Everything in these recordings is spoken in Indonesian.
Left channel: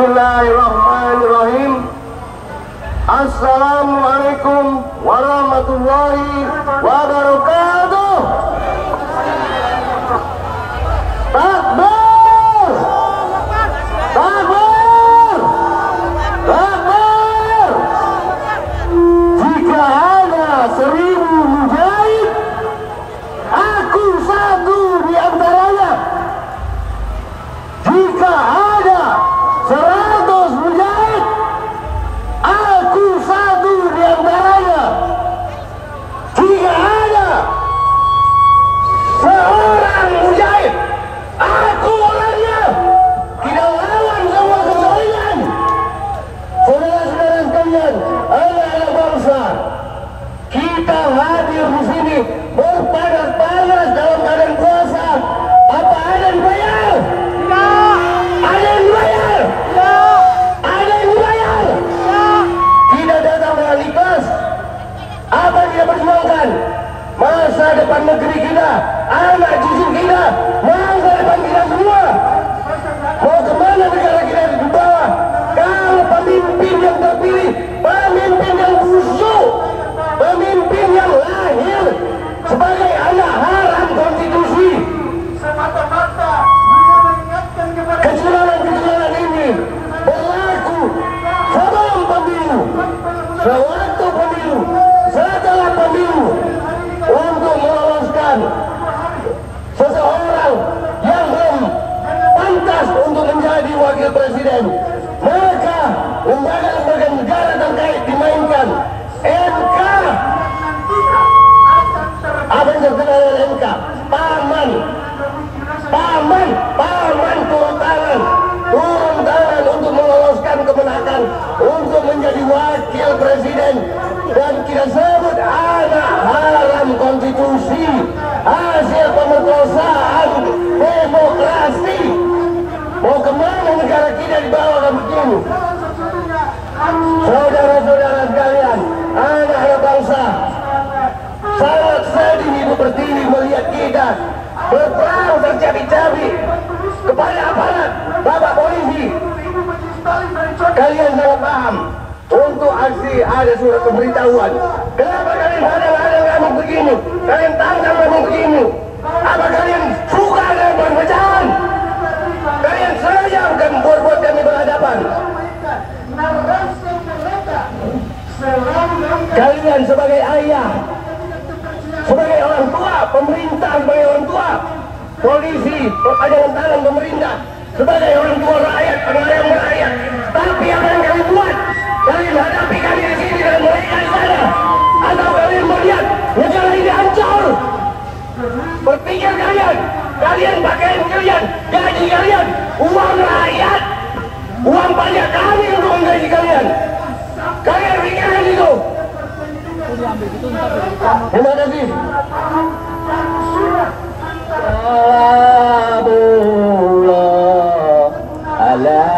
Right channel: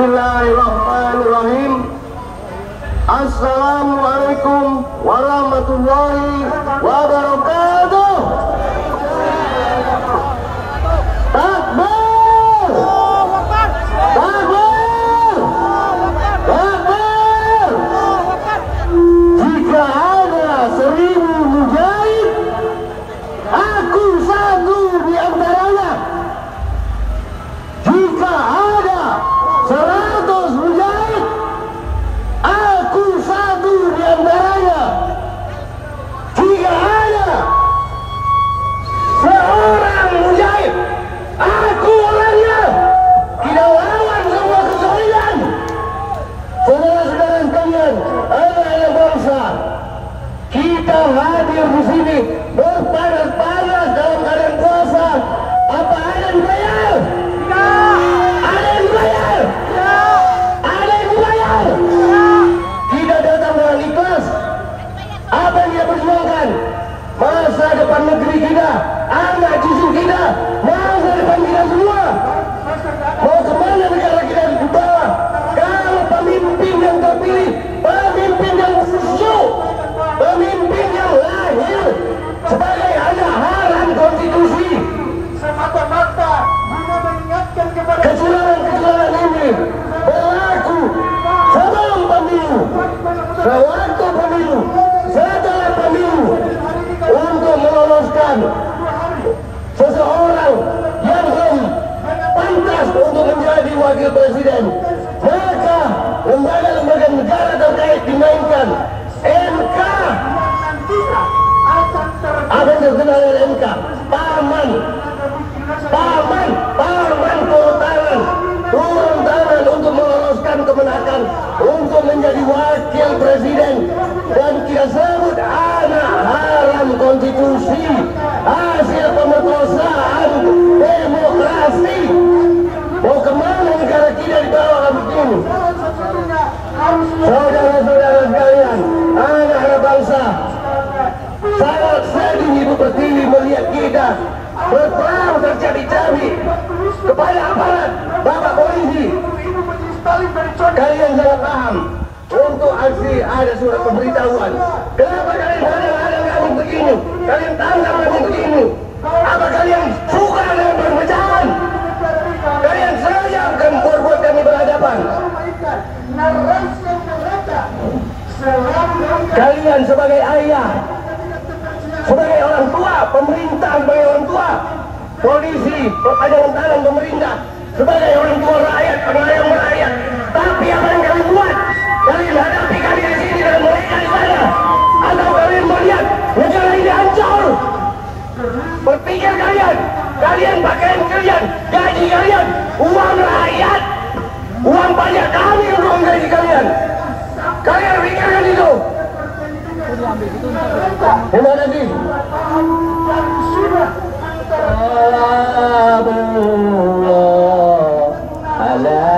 Bismillahirrahmanirrahim. Assalamualaikum warahmatullahi wabarakatuh. Takbir! Takbir! Takbir! Jika ada 1000 mujahid, aku satu di antaranya. Jika ada 100 mujahid, aku satu di antaranya. Jika ada seorang mujahid, aku orangnya. Kita lawan semua kezaliman. Saudara-saudara sekalian, anak-anak bangsa, kita hadir di sini berpanas-panas dalam keadaan puasa. Apa ada yang bayar? Ada yang bayar? Ada yang bayar? Kita datang dengan ikhlas. Apa yang kita perjuangkan? Masa depan negeri kita, anak cucu kita, masa depan kita semua. Mau kemana negara kita di bawah? Kalau pemimpin yang terpilih, pemimpin yang busuk, pemimpin yang lahir sebagai anak haram konstitusi. Kecurangan-kecurangan ini berlaku sebelum pemilu, sewaktu pemilu, setelah pemilu, untuk meloloskan seseorang yang belum pantas untuk menjadi wakil presiden. Maka lembaga-lembaga negara terkait dimainkan. MK, apa yang terkenal dengan MK? Paman turun tangan untuk meloloskan kemenakan untuk menjadi wakil presiden. Dan kita sebut anak haram konstitusi, hasil pemerkosaan demokrasi. Mau kemana negara kita di bawah begini? Saudara-saudara sekalian, anak-anak bangsa, sangat sedih Ibu Pertiwi melihat kita berperang tercabik-cabik kepada aparat Bapak Polisi. Kalian sangat paham. Untuk aksi ada surat pemberitahuan. Kenapa kalian hadang-hadang kami begini? Kalian tantang kami begini? Apa kalian suka dengan perpecahan? Kalian sengaja akan buat kami berhadapan. Kalian sebagai ayah, sebagai orang tua, pemerintah sebagai orang tua, polisi, perpanjangan tangan pemerintah, sebagai orang tua rakyat, pelayang rakyat. Tapi apa yang kalian buat? Kalian hadapi kami di sini dan mereka di sana, atau kalian melihat negara ini hancur? Berpikir kalian pakaian kalian, gaji kalian, uang rakyat, uang pajak kami untuk menggaji kalian. Kalian pikirkan itu. Terima kasih. Salamullah ala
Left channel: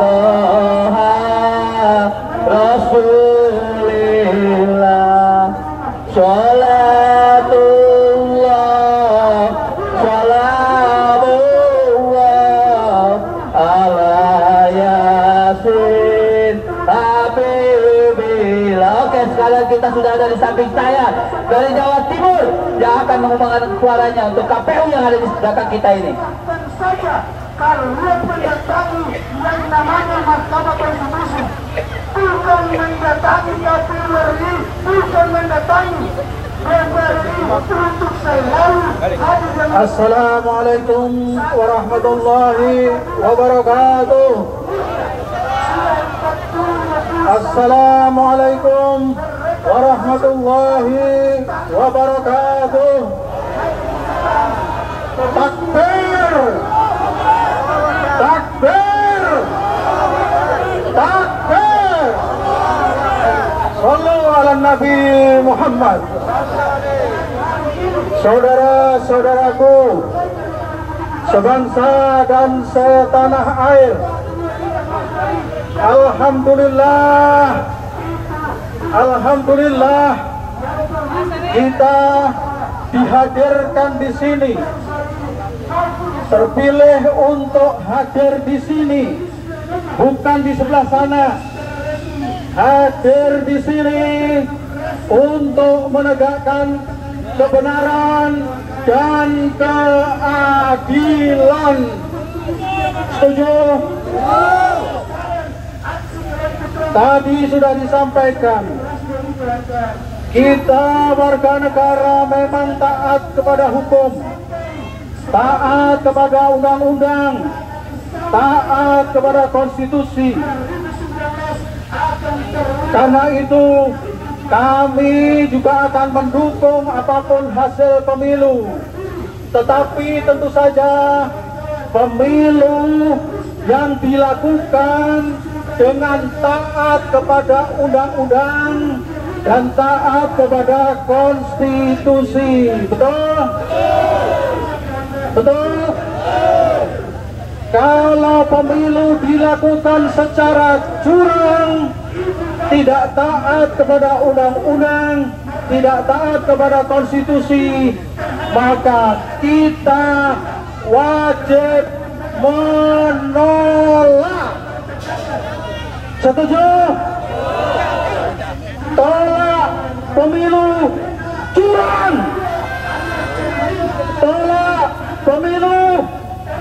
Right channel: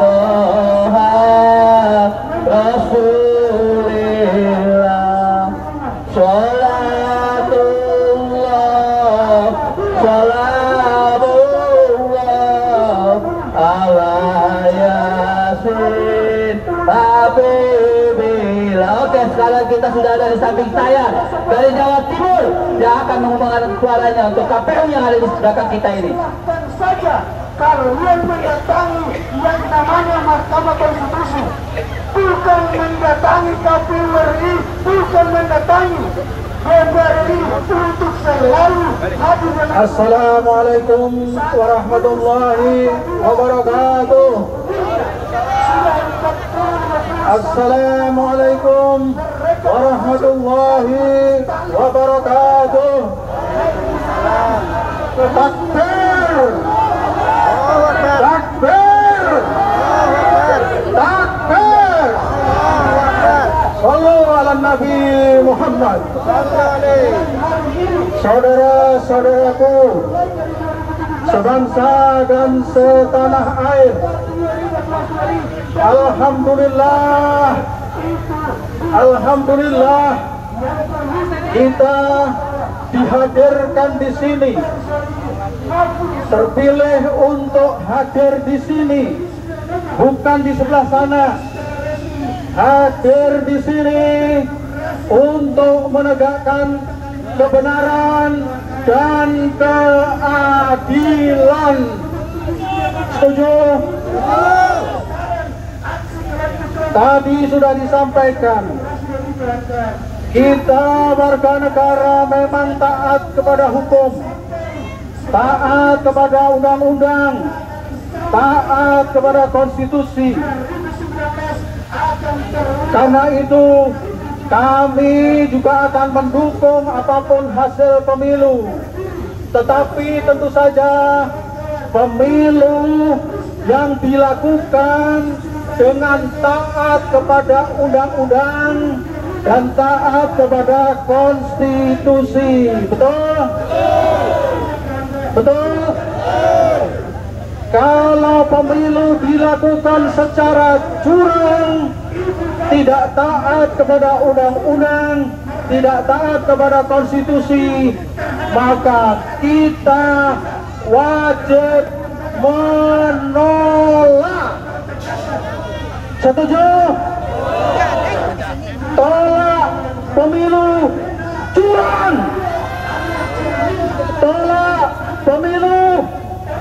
Toha Rasulillah, salatullah salamullah ala Yasin Habibillah. Oke, sekarang kita sudah ada di samping saya dari Jawa Timur yang akan mengumumkan suaranya untuk KPU yang ada di belakang kita ini. Kalau yang mendatangi yang namanya Mahkamah Konstitusi, bukan mendatangi KPU RI, bukan mendatangi DPR RI untuk selalu hadir. Assalamualaikum warahmatullahi wabarakatuh. Assalamualaikum warahmatullahi wabarakatuh. Takbir! Takbir! Takbir! Sallu ala Nabi Muhammad. Saudara-saudaraku sebangsa dan setanah air, alhamdulillah, alhamdulillah kita dihadirkan di sini, terpilih untuk hadir di sini bukan di sebelah sana, hadir di sini untuk menegakkan kebenaran dan keadilan. Setuju? Tadi sudah disampaikan, kita warga negara memang taat kepada hukum, taat kepada undang-undang, taat kepada konstitusi. Karena itu kami juga akan mendukung apapun hasil pemilu. Tetapi tentu saja pemilu yang dilakukan dengan taat kepada undang-undang dan taat kepada konstitusi. Betul? Betul? Kalau pemilu dilakukan secara curang, tidak taat kepada undang-undang, tidak taat kepada konstitusi, maka kita wajib menolak. Setuju? Tolak pemilu curang. Tolak pemilu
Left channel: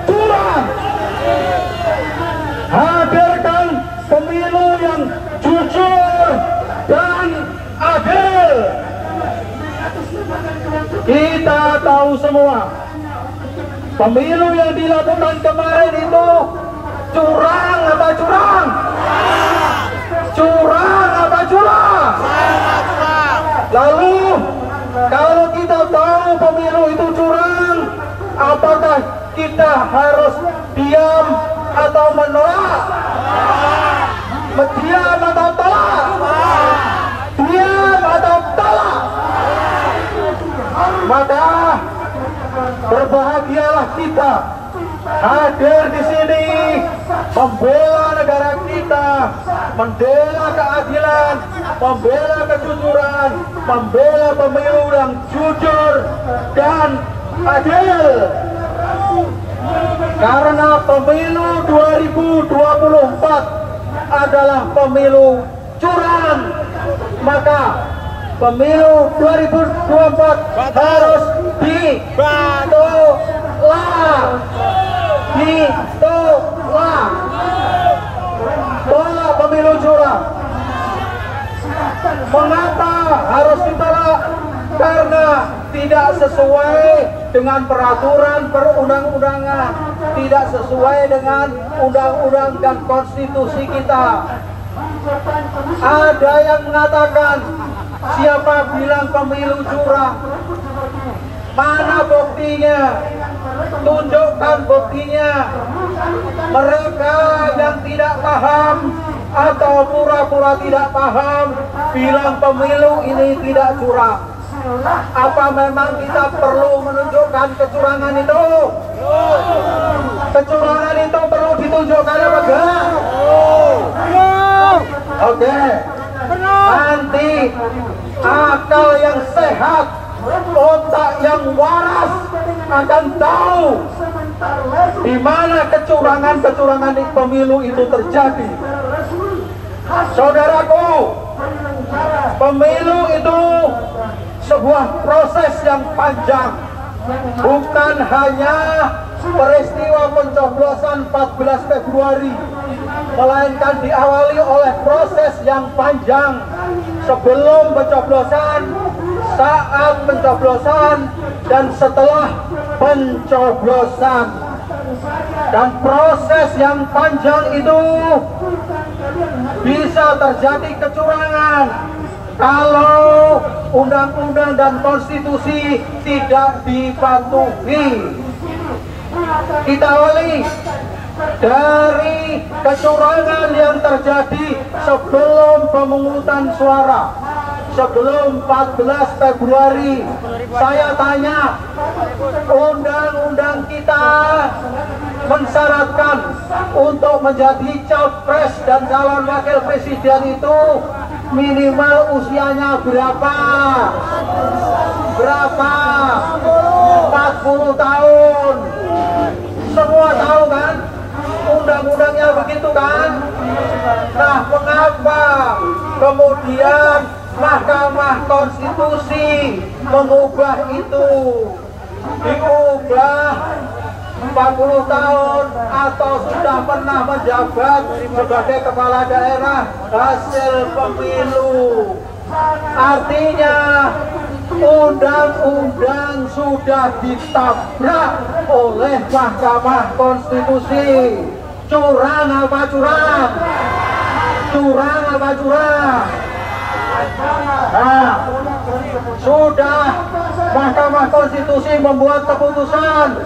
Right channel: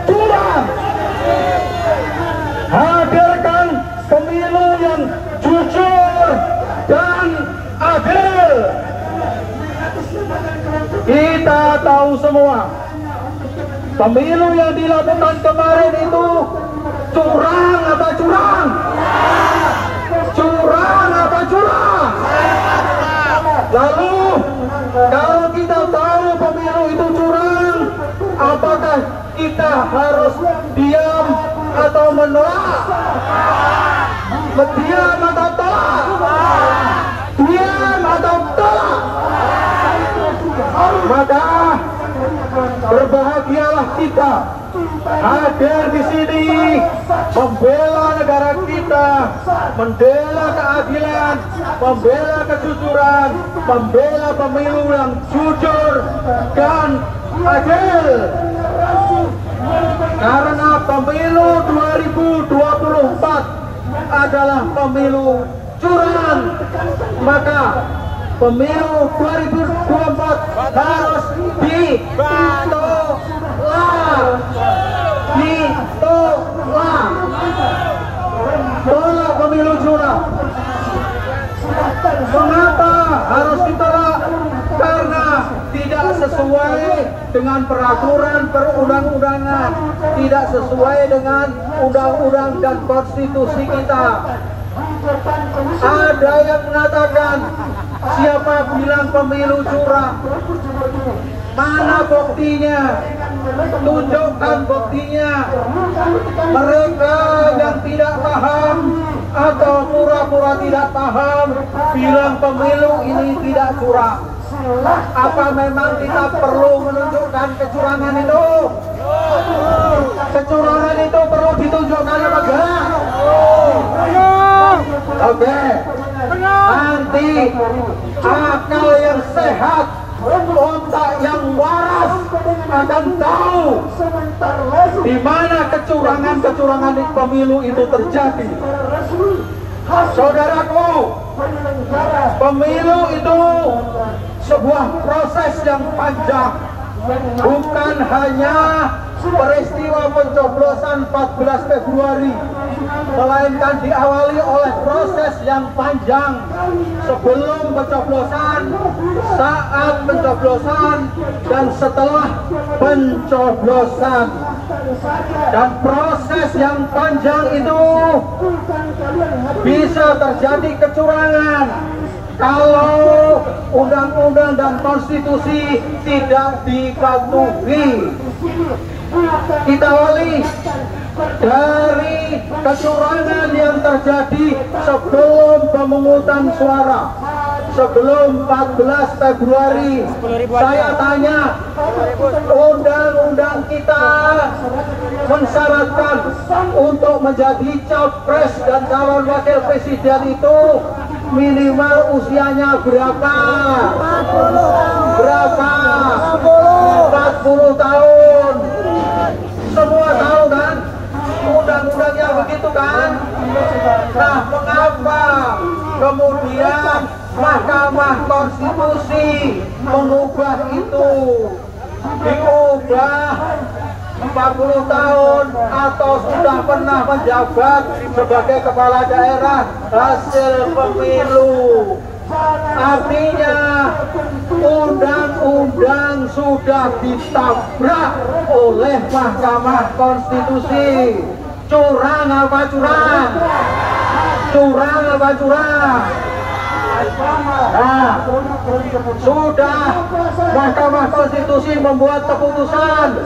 curang. Hadirkan pemilu yang jujur dan adil. Kita tahu semua, pemilu yang dilakukan kemarin itu curang apa curang? Curang apa curang? Lalu kalau kita tahu pemilu itu curang, apakah kita harus diam atau menolak? Diam atau tolak? Diam atau tolak? Maka berbahagialah kita hadir di sini membela negara kita, membela keadilan, membela kejujuran, membela pemilu yang jujur dan adil. Karena pemilu 2024 adalah pemilu curang, maka pemilu 2024 harus ditolak. Ditolak. Tolak pemilu curang. Mengapa harus ditolak? Karena tidak sesuai dengan peraturan perundang-undangan, tidak sesuai dengan undang-undang dan konstitusi kita. Ada yang mengatakan, siapa bilang pemilu curang? Mana buktinya? Tunjukkan buktinya. Mereka yang tidak paham atau pura-pura tidak paham bilang pemilu ini tidak curang. Apa memang kita perlu menunjukkan kecurangan itu? Kecurangan itu perlu ditunjukkan apa enggak? Oke. Nanti akal yang sehat, otak yang waras akan tahu di mana kecurangan-kecurangan di pemilu itu terjadi. Saudaraku, pemilu itu sebuah proses yang panjang, bukan hanya peristiwa pencoblosan 14 Februari, melainkan diawali oleh proses yang panjang sebelum pencoblosan, saat pencoblosan, dan setelah pencoblosan. Dan proses yang panjang itu bisa terjadi kecurangan kalau undang-undang dan konstitusi tidak dipatuhi. Kita awali dari kecurangan yang terjadi sebelum pemungutan suara, sebelum 14 Februari. Saya tanya, undang-undang kita mensyaratkan untuk menjadi capres dan calon wakil presiden itu minimal usianya berapa? Berapa? 40 tahun. Semua tahu kan? undang-undangnya begitu kan? Nah, mengapa kemudian Mahkamah Konstitusi mengubah itu? Diubah 40 tahun atau sudah pernah menjabat sebagai kepala daerah hasil pemilu. Artinya undang-undang sudah ditabrak oleh Mahkamah Konstitusi. Curang apa curang? Curang apa curang? Nah, sudah Mahkamah Konstitusi membuat keputusan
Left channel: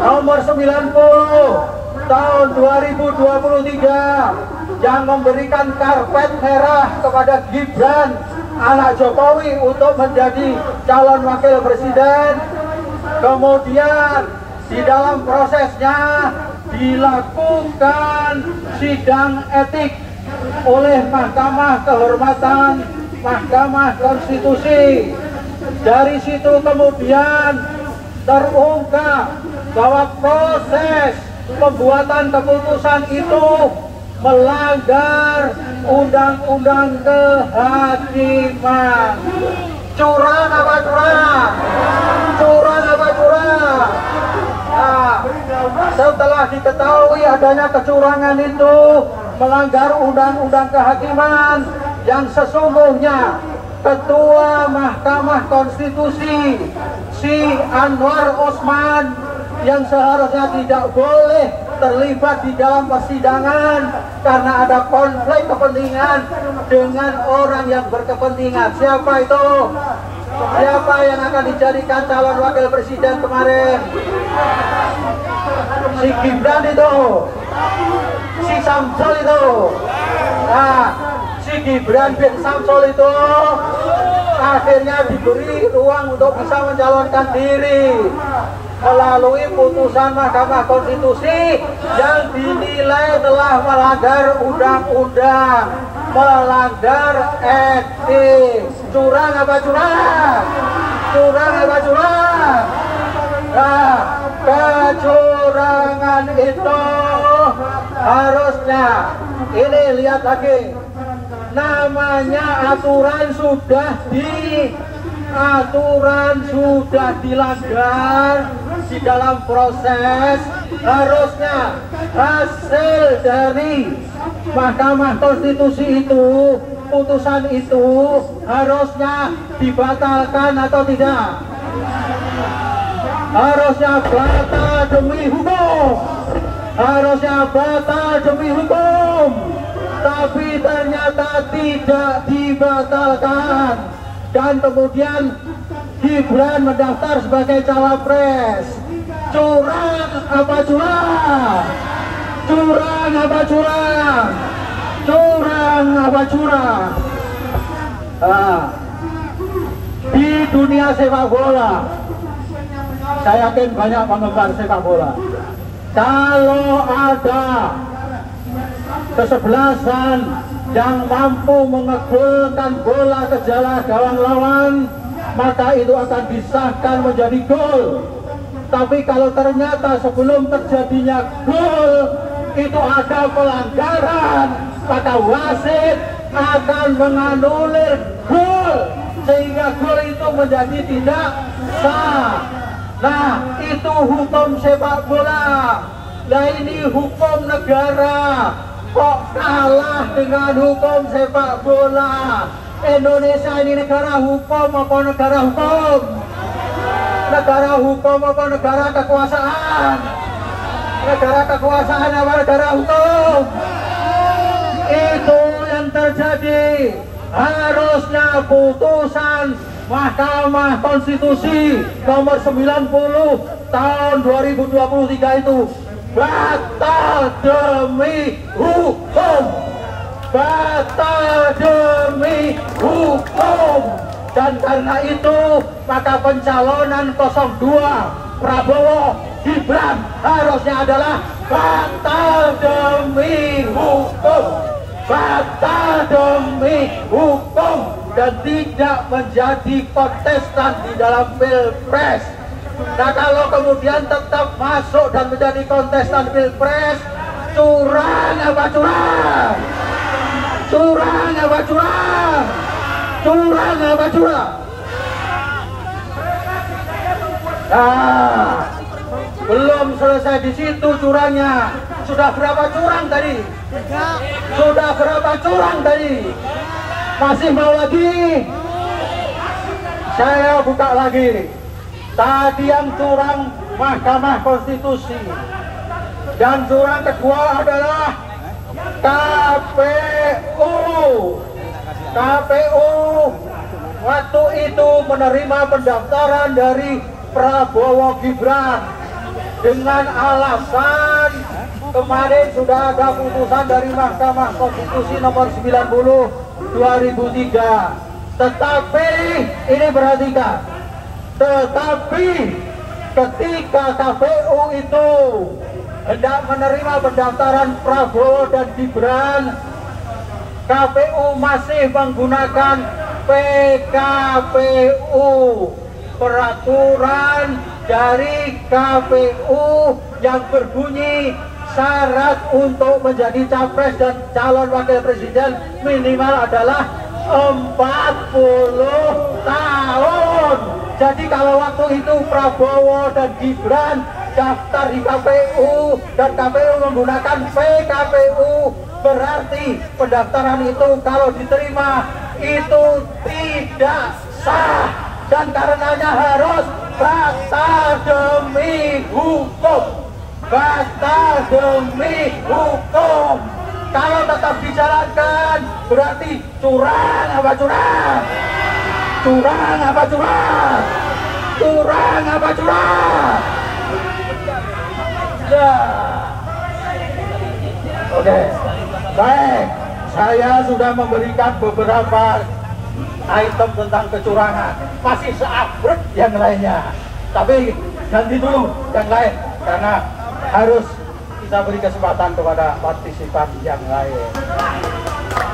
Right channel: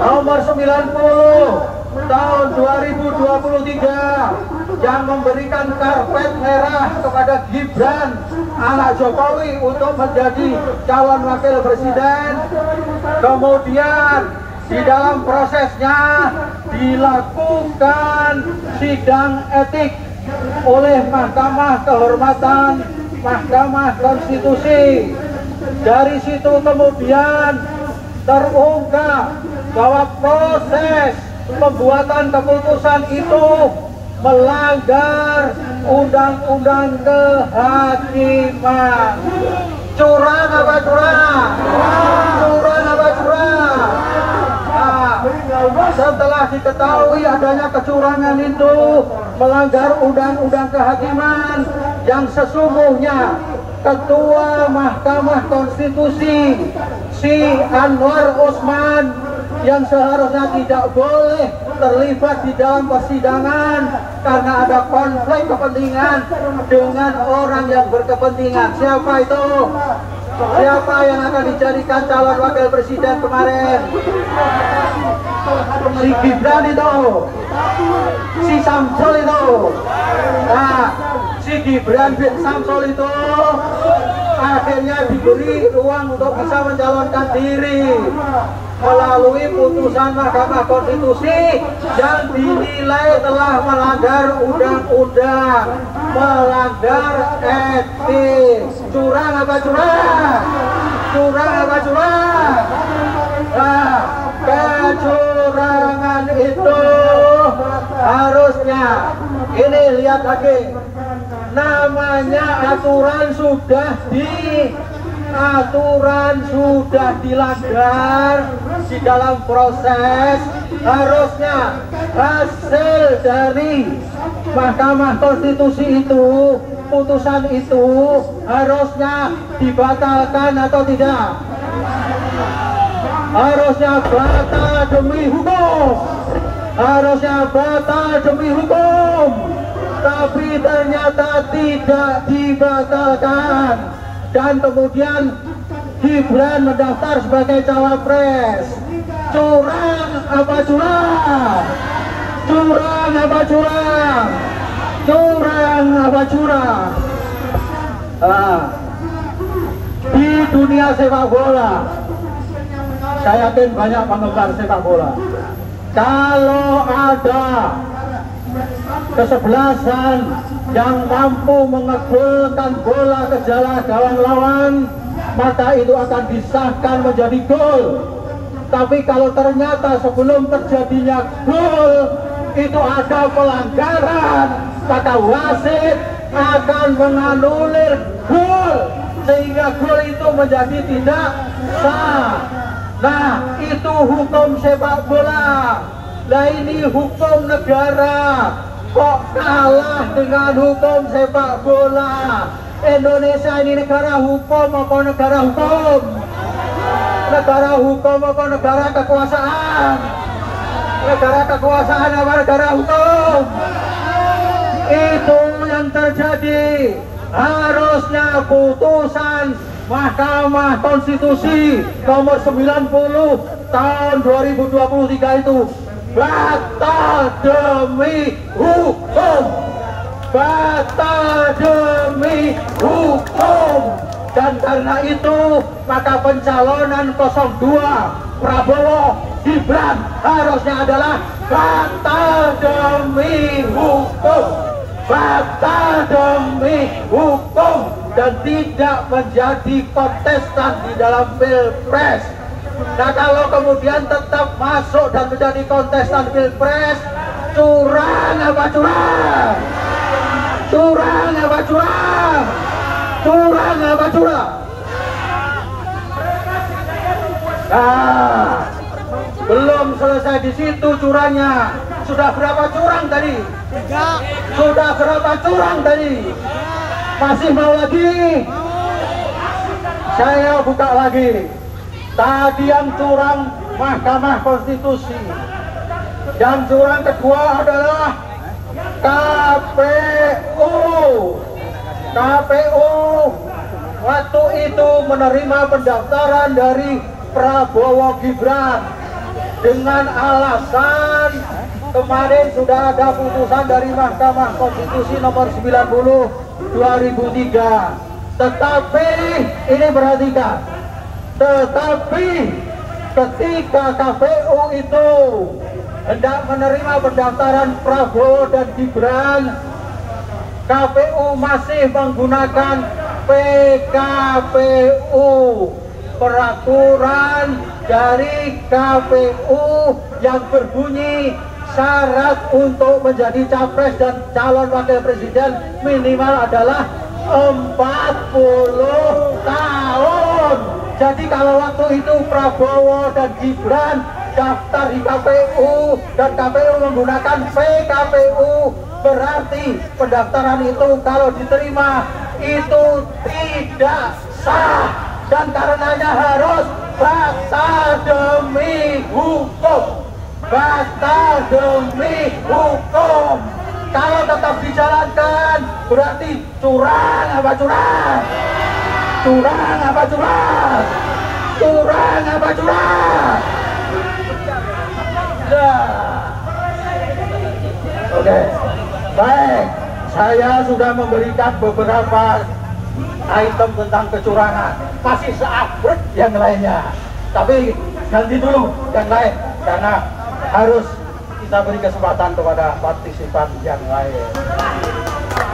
nomor 90 tahun 2023 yang memberikan karpet merah kepada Gibran anak Jokowi untuk menjadi calon wakil presiden. Kemudian di dalam prosesnya dilakukan sidang etik oleh Mahkamah Kehormatan Mahkamah Konstitusi. Dari situ kemudian terungkap bahwa proses pembuatan keputusan itu melanggar undang-undang kehakiman. Curang apa curang? Curang apa curang? Nah, setelah diketahui adanya kecurangan itu melanggar undang-undang kehakiman yang sesungguhnya Ketua Mahkamah Konstitusi si Anwar Usman yang seharusnya tidak boleh terlibat di dalam persidangan karena ada konflik kepentingan dengan orang yang berkepentingan. Siapa itu? Siapa yang akan dijadikan calon wakil presiden kemarin? Si Gibran itu, si Samsul itu. Nah, si Gibran bin Samsul itu akhirnya diberi ruang untuk bisa mencalonkan diri melalui putusan Mahkamah Konstitusi yang dinilai telah melanggar undang-undang, melanggar etik. Curang apa curang? Curang apa curang? Nah, kecurangan itu harusnya, ini lihat lagi, namanya aturan sudah dilanggar di dalam proses. Harusnya hasil dari Mahkamah Konstitusi itu, putusan itu harusnya dibatalkan atau tidak? Harusnya batal demi hukum. Harusnya batal demi hukum. Tapi ternyata tidak dibatalkan. Dan kemudian Gibran mendaftar sebagai cawapres. Curang apa curang? Curang apa curang? Curang apa curang? Di dunia sepak bola, saya yakin banyak penggemar sepak bola. Kalau ada kesebelasan yang mampu mengegulkan bola ke jalan gawang lawan, maka itu akan disahkan menjadi gol. Tapi kalau ternyata sebelum terjadinya gol itu ada pelanggaran, maka wasit akan menganulir gol sehingga gol itu menjadi tidak sah. Nah, itu hukum sepak bola. Nah, ini hukum negara kok kalah dengan hukum sepak bola. Indonesia ini negara hukum apa negara hukum? Negara hukum apa negara kekuasaan? Negara kekuasaan apa negara hukum? Itu yang terjadi. Harusnya putusan Mahkamah Konstitusi nomor 90 tahun 2023 itu batal demi hukum. Batal demi hukum. Dan karena itu maka pencalonan 02 Prabowo Gibran harusnya adalah batal demi hukum. Batal demi hukum dan tidak menjadi kontestan di dalam pilpres. Nah, kalau kemudian tetap masuk dan menjadi kontestan pilpres, Curang apa curang? Curang apa curang? Curang apa curang? Nah, belum selesai di situ curangnya. Sudah berapa curang tadi? Sudah berapa curang tadi? Masih mau lagi? Saya buka lagi. Tadi yang curang Mahkamah Konstitusi. Yang curang kedua adalah KPU. KPU waktu itu menerima pendaftaran dari Prabowo Gibran dengan alasan kemarin sudah ada putusan dari Mahkamah Konstitusi nomor 90 2003. Tetapi ini perhatikan, tetapi ketika KPU itu hendak menerima pendaftaran Prabowo dan Gibran, KPU masih menggunakan PKPU, peraturan dari KPU yang berbunyi syarat untuk menjadi capres dan calon wakil presiden minimal adalah 40 tahun. Jadi kalau waktu itu Prabowo dan Gibran daftar di KPU dan KPU menggunakan PKPU, berarti pendaftaran itu kalau diterima itu tidak sah dan karenanya harus batal demi hukum. Batal demi hukum. Kalau tetap dijalankan berarti curang apa curang? Curang apa curang? Curang apa curang? Oke, baik. Saya sudah memberikan beberapa item tentang kecurangan. Masih seabrek yang lainnya. Tapi ganti dulu yang lain karena harus kita beri kesempatan kepada partisipan yang lain.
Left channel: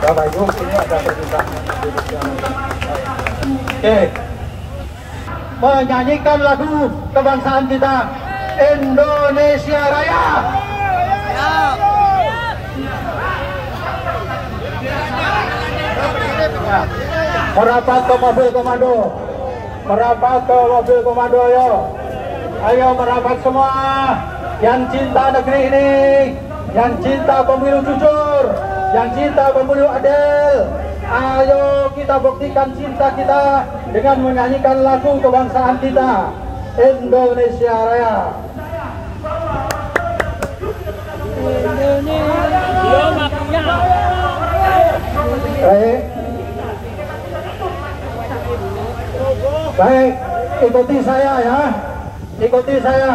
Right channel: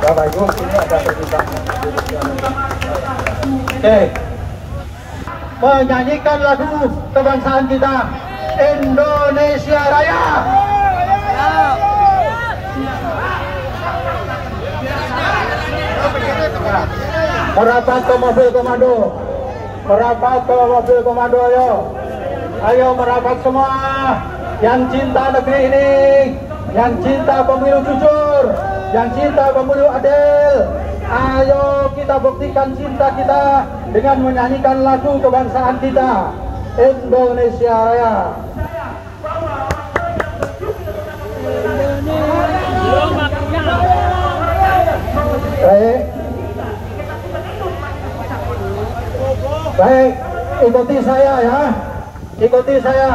Bapak Ibu, ini ada permintaan. Oke, menyanyikan lagu kebangsaan kita, Indonesia Raya. Nah, merapat ke mobil komando, merapat ke mobil komando, ayo merapat semua yang cinta negeri ini, yang cinta pemilu jujur, yang cinta pemilu adil. Ayo kita buktikan cinta kita dengan menyanyikan lagu kebangsaan kita, Indonesia Raya. Baik, baik, ikuti saya ya, ikuti saya.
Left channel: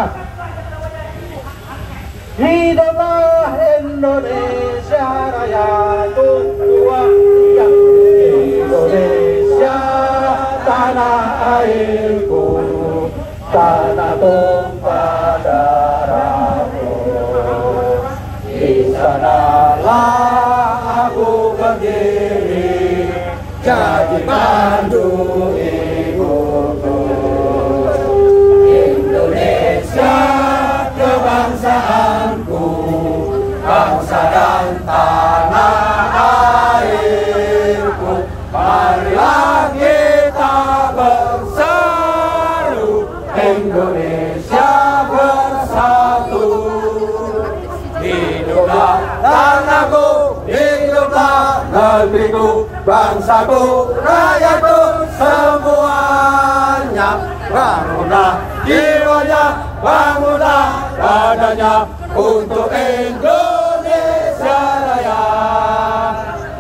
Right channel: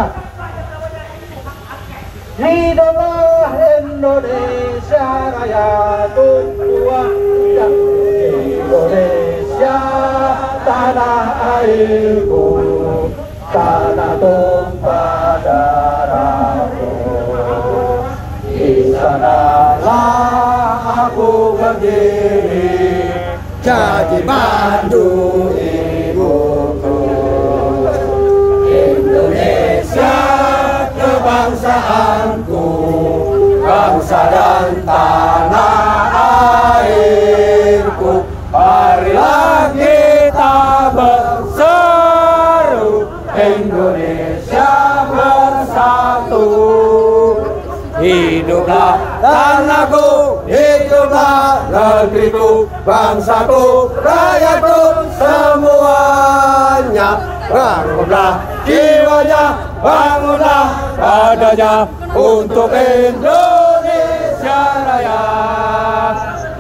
Hiduplah Indonesia Raya, tua yang Indonesia, tanah airku, tanah tumpah darahku. Di sanalah aku berdiri, jadi pandu ibuku. Indonesia kebangsaanku, bangsa dan tanah airku. Marilah kita berseru, Indonesia bersatu. Hiduplah tanahku, hiduplah negeriku, bangsaku, rakyatku semuanya. Bangunlah jiwanya, bangunlah badannya untuk Indonesia Raya.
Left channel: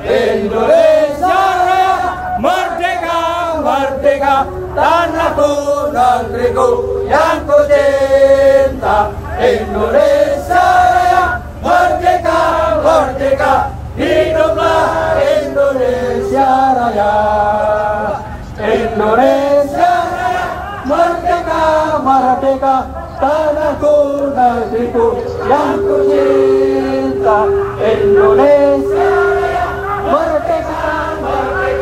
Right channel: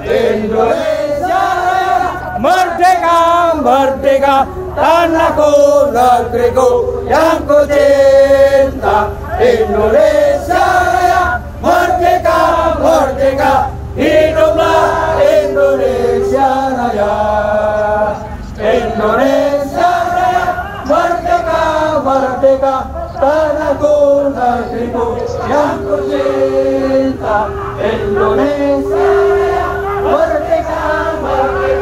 Indonesia Raya, merdeka, merdeka, tanahku, negeriku yang ku cinta. Indonesia Raya, merdeka, merdeka, hiduplah Indonesia Raya. Indonesia Raya, merdeka, merdeka, tanahku, negeriku yang ku cinta. Indonesia Raya, merdeka, merdeka.